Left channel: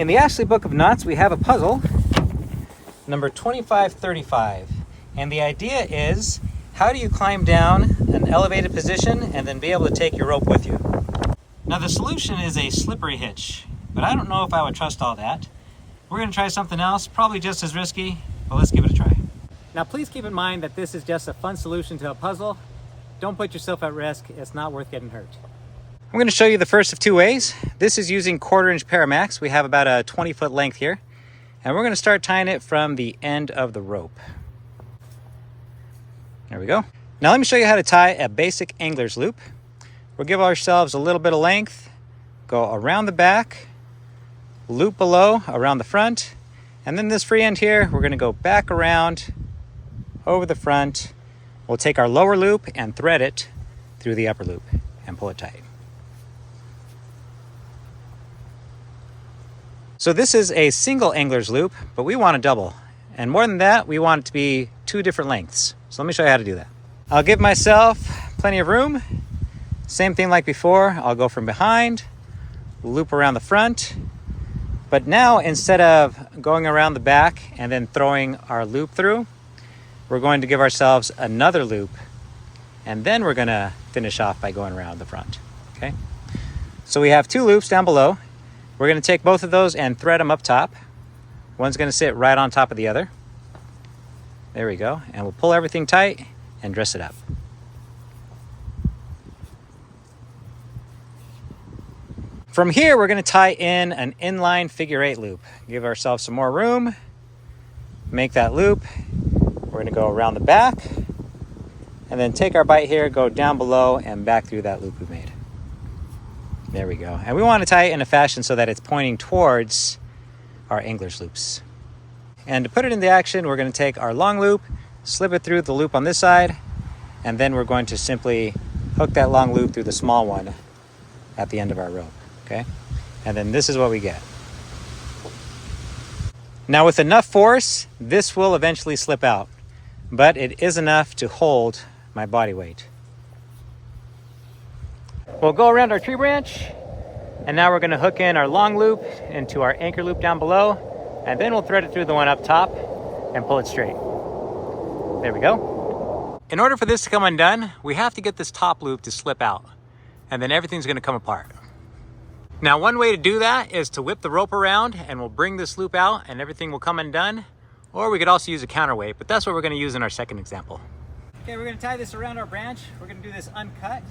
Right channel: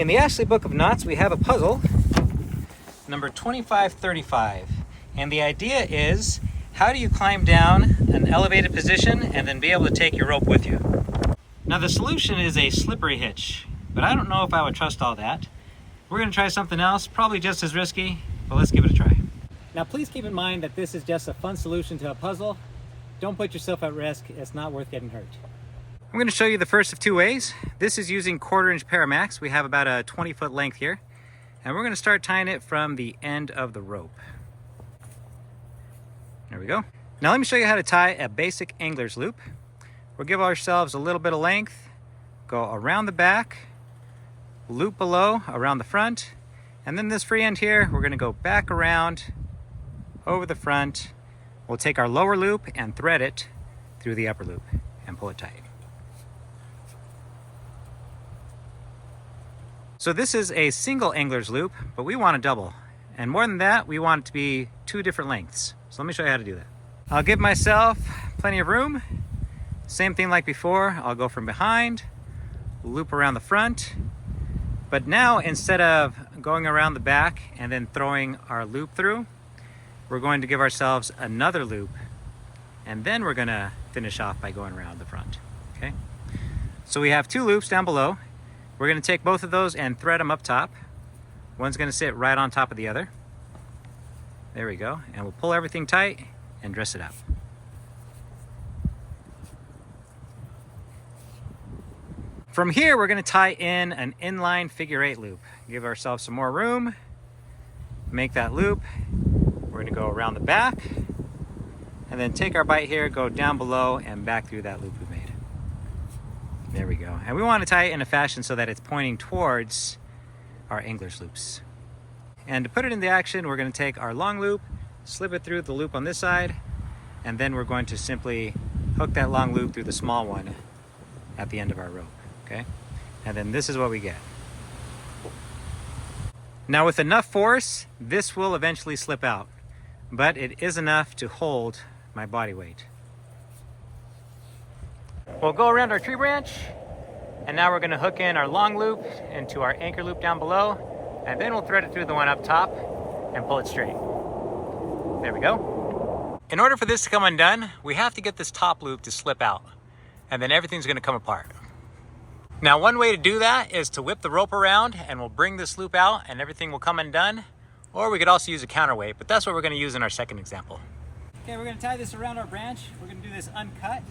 In the Ashley Book of Knots, we have a puzzle, number 2535. And the idea is, how do you climb down an elevated position and then be able to take your rope with you? Now the solution is a slippery hitch, but I don't know if I would trust all that. We're going to try something else, probably just as risky, but let's give it a try. Now please keep in mind that this is just a fun solution to a puzzle. Don't put yourself at risk, it's not worth getting hurt. I'm going to show you the first of two ways. This is using 1/4 inch Paramax. We have about a 20-foot length here. And we're going to start tying it from the end of the rope. There we go. Now let me show you how to tie a basic angler's loop. We'll give ourselves a little bit of length, go around the back, loop below, around the front, and then this free end here, we're going to go back around, over the front. We'll take our lower loop and thread it through the upper loop and pull it tight. So this is a single angler's loop, but we want a double. And more than that, we want it to be 2 different lengths. So let me show you how to do that. I'll give myself plenty of room. Same thing like before, I'll go from behind, loop around the front. But now, instead of going around the back and then throwing our loop through, we're going to give ourselves another loop, and then we're gonna finish off by going around the front, okay? So we have 2 loops down below. We're going to take both of those and thread them up top. One's going to sit right on top of the other. There we go. And we'll pull everything tight and dress it up. From here, we're going to tie in an inline figure 8 loop. Give ourselves some more room. Make that loop. We're going to go around the back. And then take our bite here, go down below and back through that loop we made. There we go. And we want to tie it in a fashion so that it's pointing towards our angler's loops. And to put it into action, we're going to take our long loop, slip it through the loop on this side, and then we're going to simply hook that long loop through the small one at the end of our rope, okay? And then this is what we get. Now with enough force, this will eventually slip out, but it is enough to hold my body weight. We'll go around our tree branch, and now we're going to hook in our long loop into our anchor loop down below, and then we'll thread it through the one up top and pull it straight. There we go. In order for this to come undone, we have to get this top loop to slip out, and then everything's going to come apart. Now one way to do that is to whip the rope around, and we'll bring this loop out and everything will come undone, or we could also use a counterweight, but that's what we're going to use in our second example. Okay, we're going to tie this around our branch. We're going to do this uncut,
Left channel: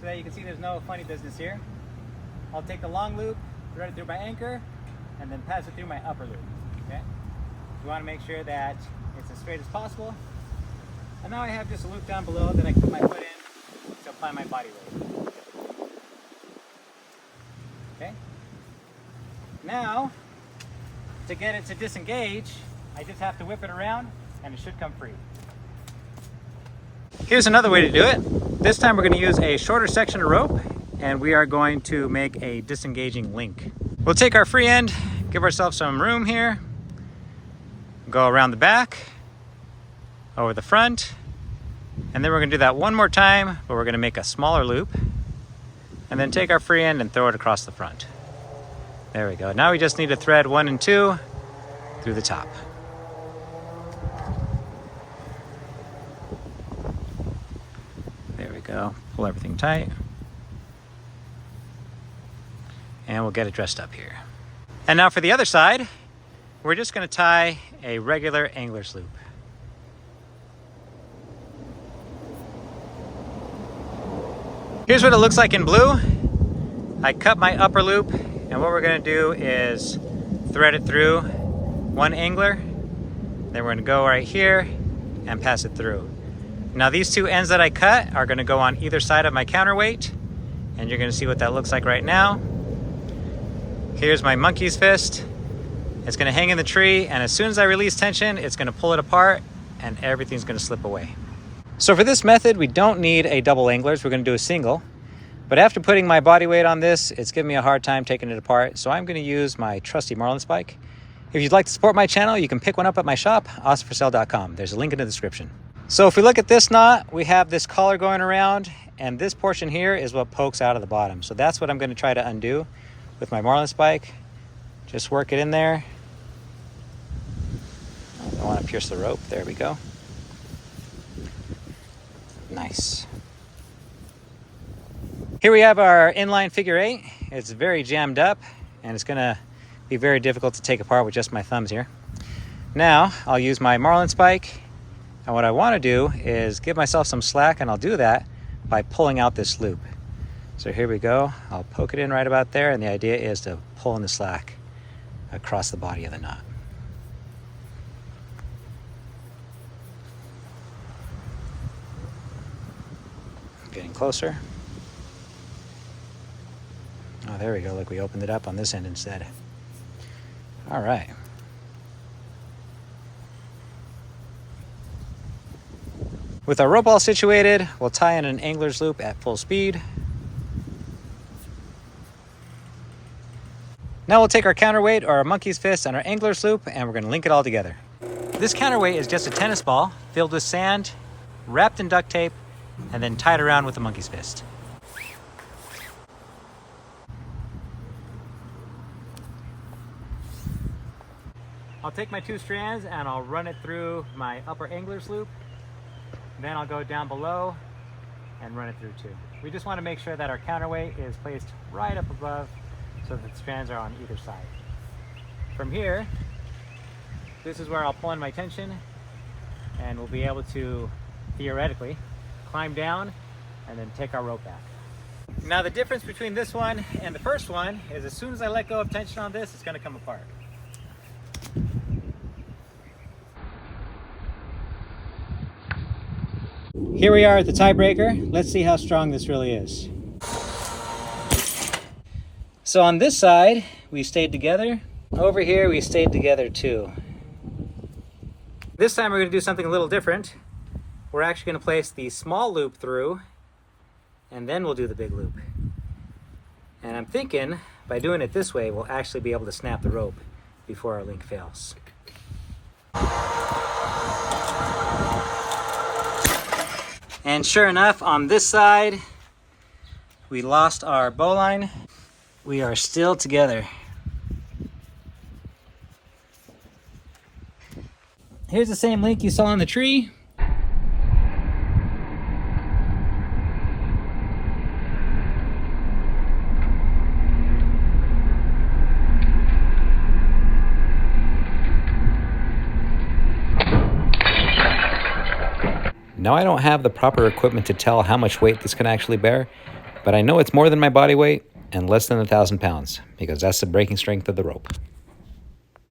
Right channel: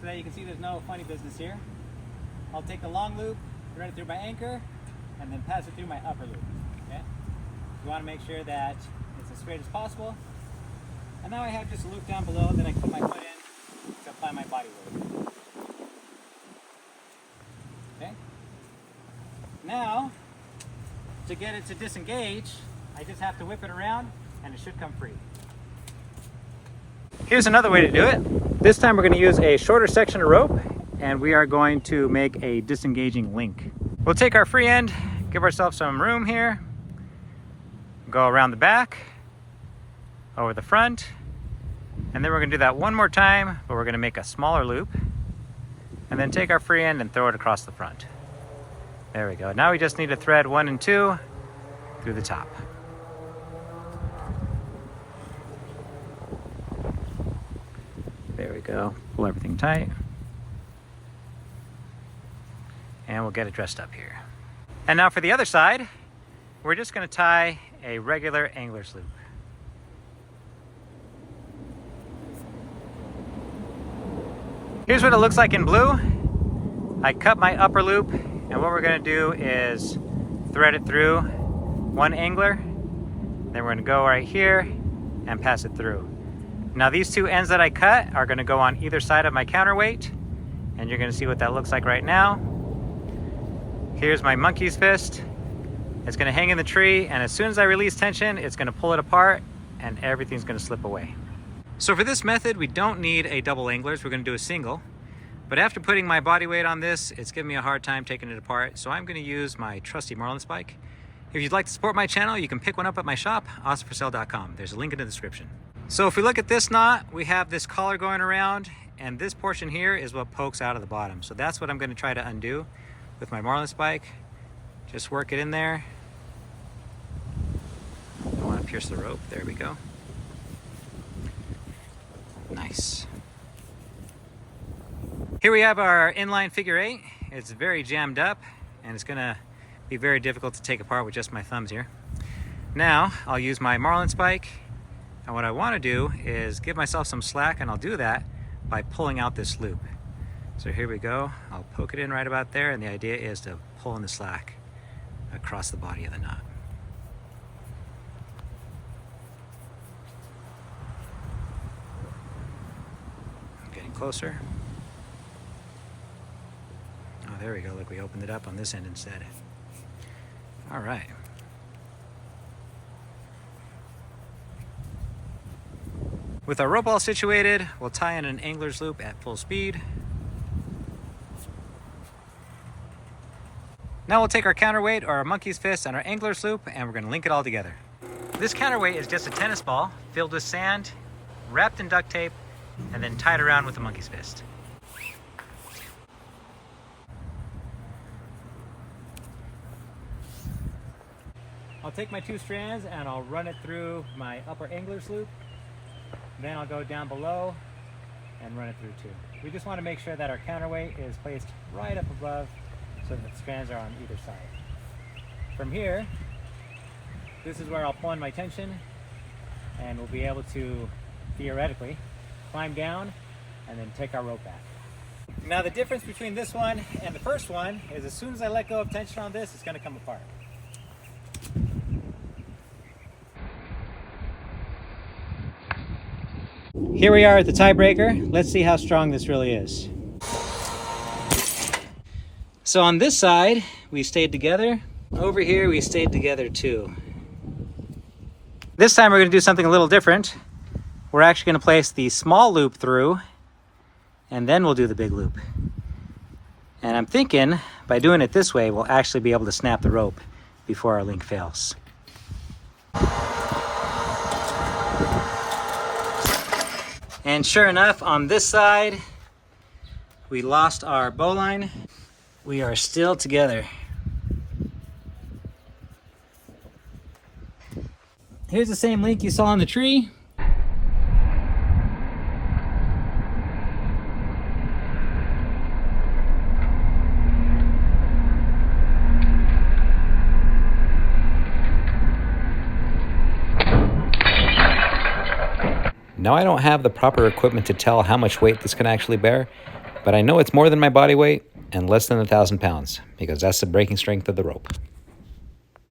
so that you can see there's no funny business here. I'll take the long loop, thread it through my anchor, and then pass it through my upper loop, okay? You want to make sure that it's as straight as possible. And now I have just a loop down below that I can put my foot in to apply my body weight. Okay? Now, to get it to disengage, I just have to whip it around and it should come free. Here's another way to do it. This time we're going to use a shorter section of rope, and we are going to make a disengaging link. We'll take our free end, give ourselves some room here, go around the back, over the front, and then we're going to do that one more time, but we're going to make a smaller loop, and then take our free end and throw it across the front. There we go. Now we just need to thread 1 and 2 through the top. There we go. Pull everything tight. And we'll get it dressed up here. And now for the other side, we're just going to tie a regular angler's loop. Here's what it looks like in blue. I cut my upper loop, and what we're going to do is thread it through one angler. Then we're going to go right here and pass it through. Now these 2 ends that I cut are going to go on either side of my counterweight, and you're going to see what that looks like right now. Here's my monkey's fist. It's going to hang in the tree, and as soon as I release tension, it's going to pull it apart and everything's going to slip away. So for this method, we don't need a double anglers. We're going to do a single. But after putting my body weight on this, it's giving me a hard time taking it apart. So I'm going to use my trusty marlin spike. If you'd like to support my channel, you can pick one up at my shop, awesomforsale.com. There's a link in the description. So if we look at this knot, we have this collar going around, and this portion here is what pokes out of the bottom. So that's what I'm going to try to undo with my marlin spike. Just work it in there. I want to pierce the rope. There we go. Nice. Here we have our inline figure 8. It's very jammed up and it's gonna be very difficult to take apart with just my thumbs here. Now I'll use my marlin spike, and what I want to do is give myself some slack, and I'll do that by pulling out this loop. So here we go. I'll poke it in right about there, and the idea is to pull in the slack across the body of the knot. Getting closer. Oh, there we go. Look, we opened it up on this end instead. All right. With our rope all situated, we'll tie in an angler's loop at full speed. Now we'll take our counterweight or our monkey's fist and our angler's loop, and we're gonna link it all together. This counterweight is just a tennis ball filled with sand, wrapped in duct tape, and then tied around with a monkey's fist. I'll take my 2 strands and I'll run it through my upper angler's loop. Then I'll go down below and run it through too. We just want to make sure that our counterweight is placed right up above so that the strands are on either side. From here, this is where I'll pull in my tension, and we'll be able to, theoretically, climb down and then take our rope back. Now the difference between this one and the first one is as soon as I let go of tension on this, it's going to come apart. Here we are at the tiebreaker. Let's see how strong this really is. So on this side, we stayed together. Over here, we stayed together too. This time we're gonna do something a little different. We're actually gonna place the small loop through, and then we'll do the big loop. And I'm thinking, by doing it this way, we'll actually be able to snap the rope before our link fails. And sure enough, on this side, we lost our bowline. We are still together. Here's the same link you saw on the tree. Now I don't have the proper equipment to tell how much weight this can actually bear, but I know it's more than my body weight and less than 1,000 pounds because that's the breaking strength of the rope.